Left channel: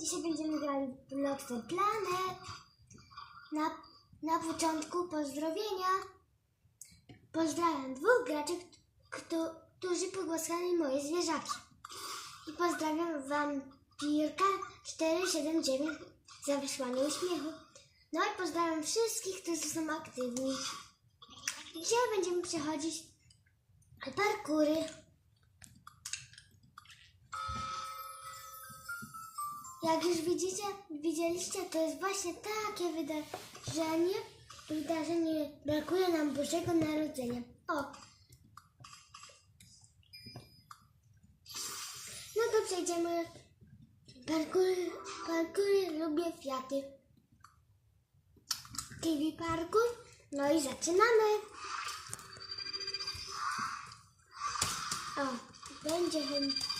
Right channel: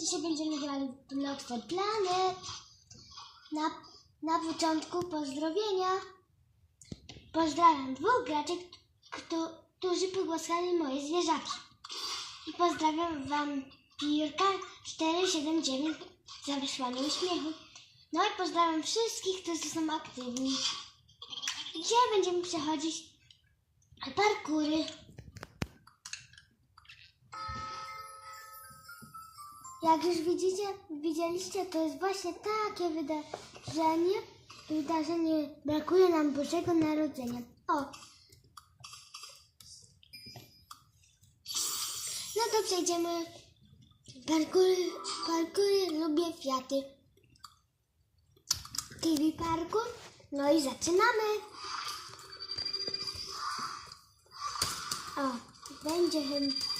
Dzisiaj będziemy grali w Blockster Planet. Na, na początku pozdrowienia. Pozdrawiam dwóch graczy, kto, którzy pogłaskali moje zwierzaki. I pozdrawiam Wam Pirka 479 za wysłanie uśmiechu. No i pozdrawiam wszystkich, którzy są aktywni. Dzisiaj będziemy przechodzić parkury. Jak już widzicie, widzieliście, to jest właśnie takie wydarzenie, wydarzenie, brakuje nam Bożego Narodzenia. O! No to przejdziemy. Parkury, parkury, lubię Fiaty. TV Parkour. No i zaczynamy. O, będzie chyba...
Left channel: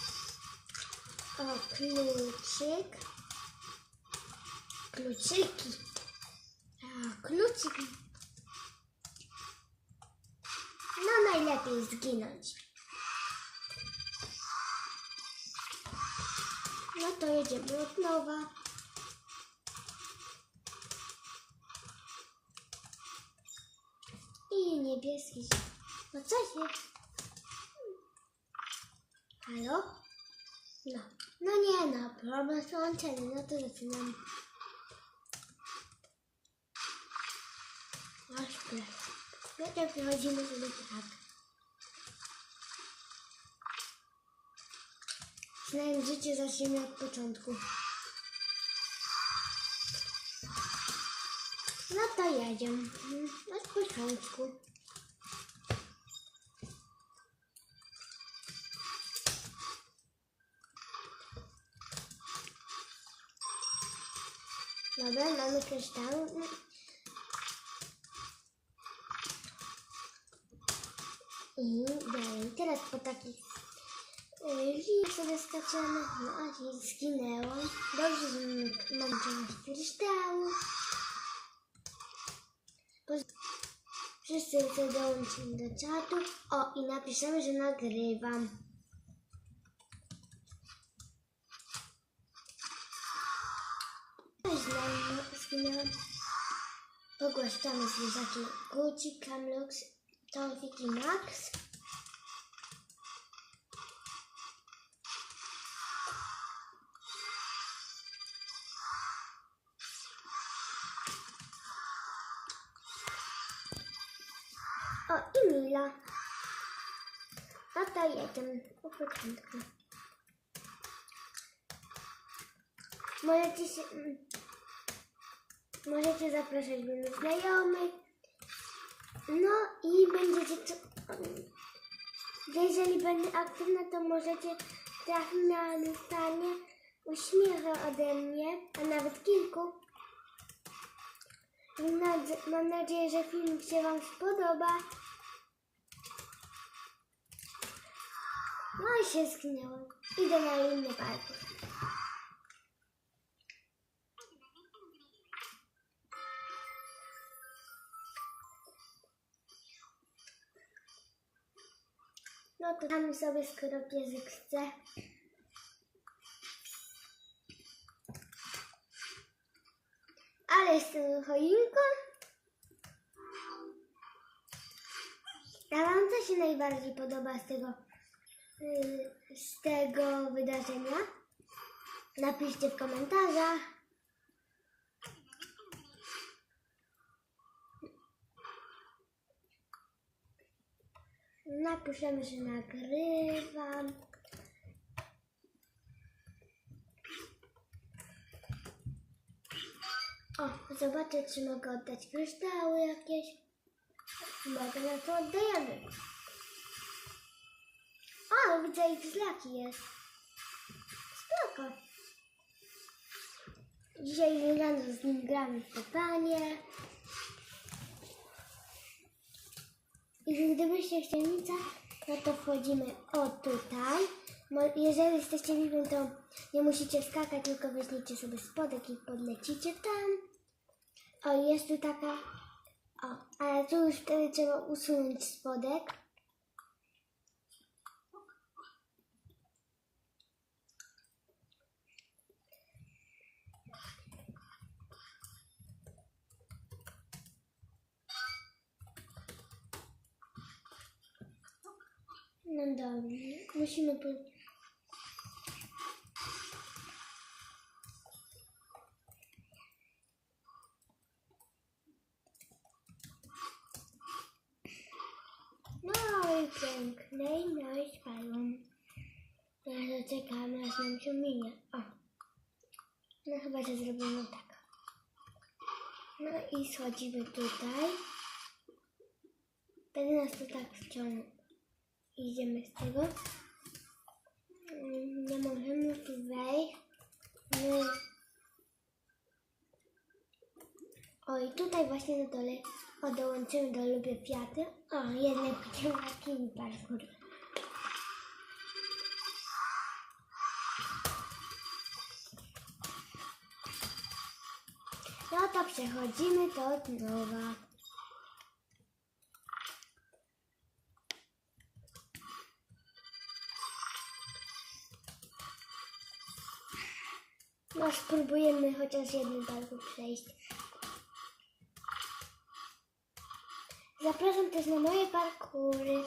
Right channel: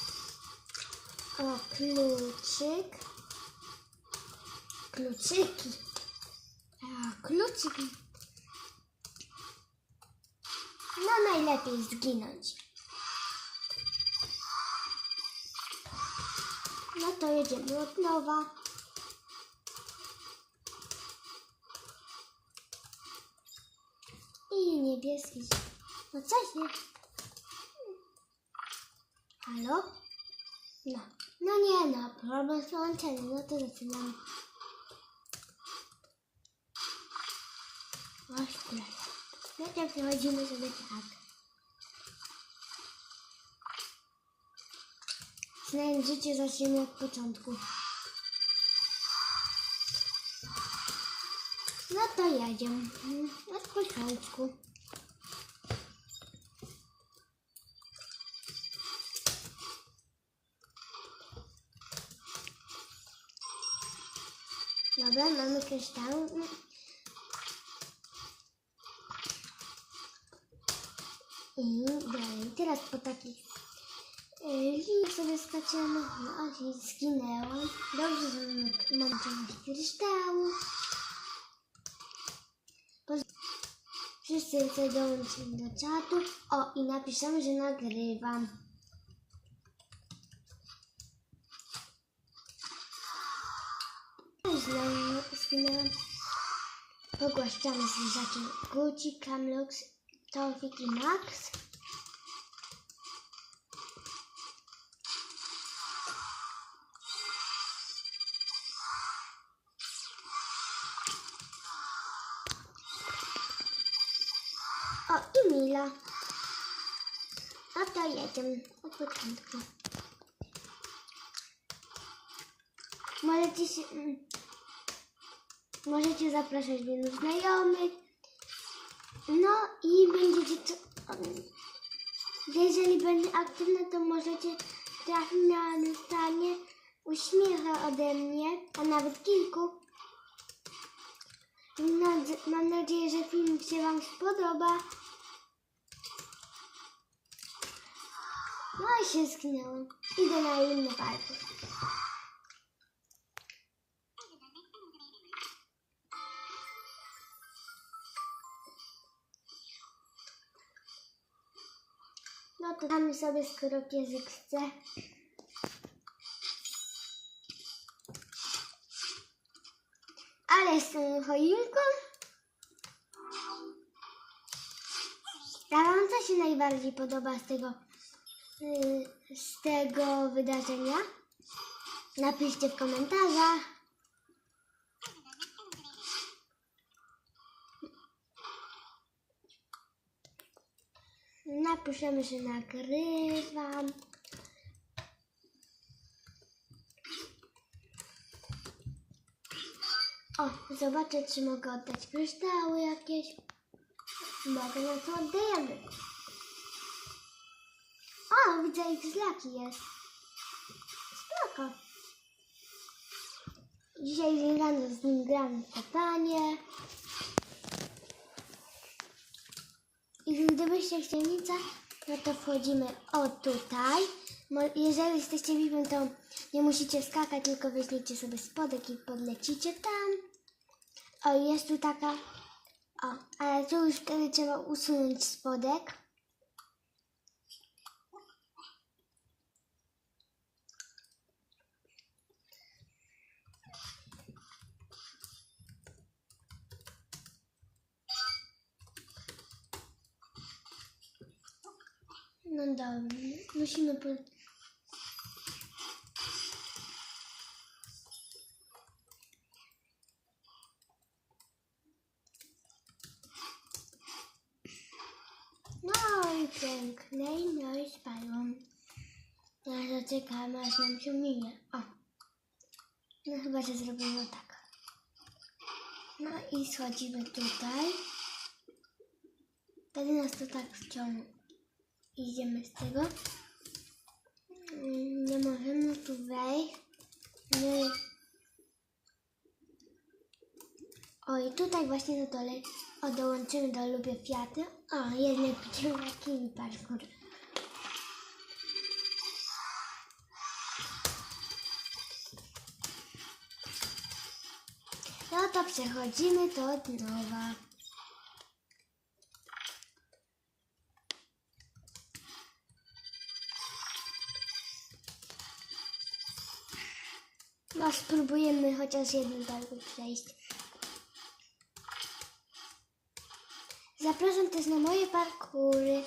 O, kluczyk. Kluczyki. A, kluczyki. No najlepiej zginąć. No to jedziemy od nowa. I niebieski. No co się? Halo? No. No nie no, problem z połączeniem, no to zaczynamy. Masz plec. No to przechodzimy sobie tak. Znając życie zaczniemy od początku. No to jedziemy. Od początku. Dobra, mamy kryształ. I dalej. Teraz po takich y, liniach sobie skaczemy. No i zginęłam. Dobrze, że mam część kryształu. Wszyscy tutaj dołączyli do czatu. O, i napiszemy, że nagrywam. Źle zginęłam. Pogłaszczamy zwierzaki Gucci, Camlux, Tomfik i Max. O, i Mila. No to jedziemy od początku. Możecie się... Możecie zapraszać innych znajomych. No i będziecie... Jeżeli będę aktywna, to możecie trafić na dostanie uśmiecha ode mnie, a nawet kilku. Mam nadzie- Mam nadzieję, że film się Wam spodoba. No i się zginęłam. Idę na inny parkour. To damy sobie, skoro piesek chce. Ale tą choinką. A wam co się najbardziej podoba z tego, yy, z tego wydarzenia? Napiszcie w komentarzach. Napiszemy, że nagrywam. O, zobaczę, czy mogę oddać kryształy jakieś. Mogę, no to oddajemy. O, widzę, ich zlaki jest. Spoko. Dzisiaj rano z nim gramy w kopanie. I gdybyście chcieli no to wchodzimy o tutaj. Jeżeli jesteście VIP, to nie musicie skakać, tylko weźmiecie sobie spodek i podlecicie tam. O, jest tu taka. O, ale tu już wtedy trzeba usunąć spodek. Dobrze, musimy po... No i piękne, no i spadłam. Teraz czekamy, aż nam się minie. O, no chyba, że zrobimy tak. No i schodzimy tutaj. Wtedy nas to tak wciągnie. Idziemy z tego. Nie możemy tu wejść. I... O i tutaj właśnie na dole o, dołączymy do Lubię Fiaty. O, jednak będziemy taki parkour. No to przechodzimy od nowa. No spróbujemy chociaż jednym parku przejść. Zapraszam też na moje parkury.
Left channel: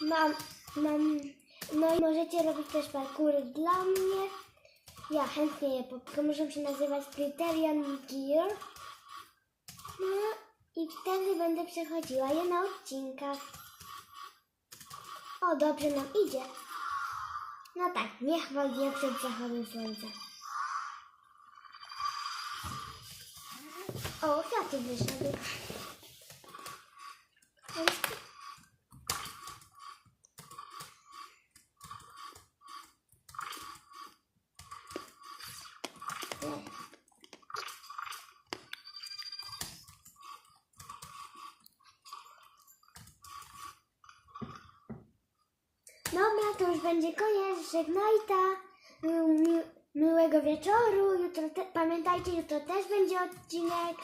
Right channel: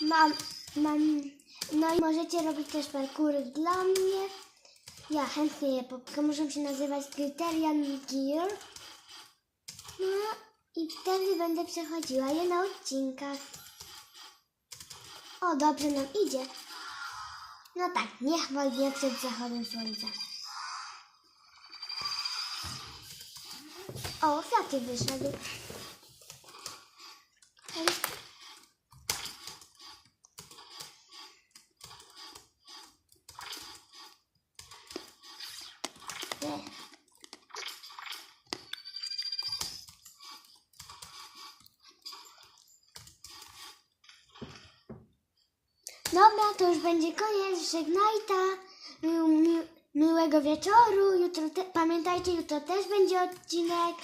Mam, mam, no i możecie robić też parkury dla mnie. Ja chętnie je poprzę. Muszą się nazywać Criterion Gear. No i wtedy będę przechodziła je na odcinkach. O, dobrze nam idzie. No tak, niech dnia przed zachodem słońca. O, Fiaty wyszedł. Ale sp- Nie. Dobra, to już będzie koniec. Żegnajta. Mi- mi- miłego wieczoru. Jutro te, pamiętajcie, jutro też będzie odcinek.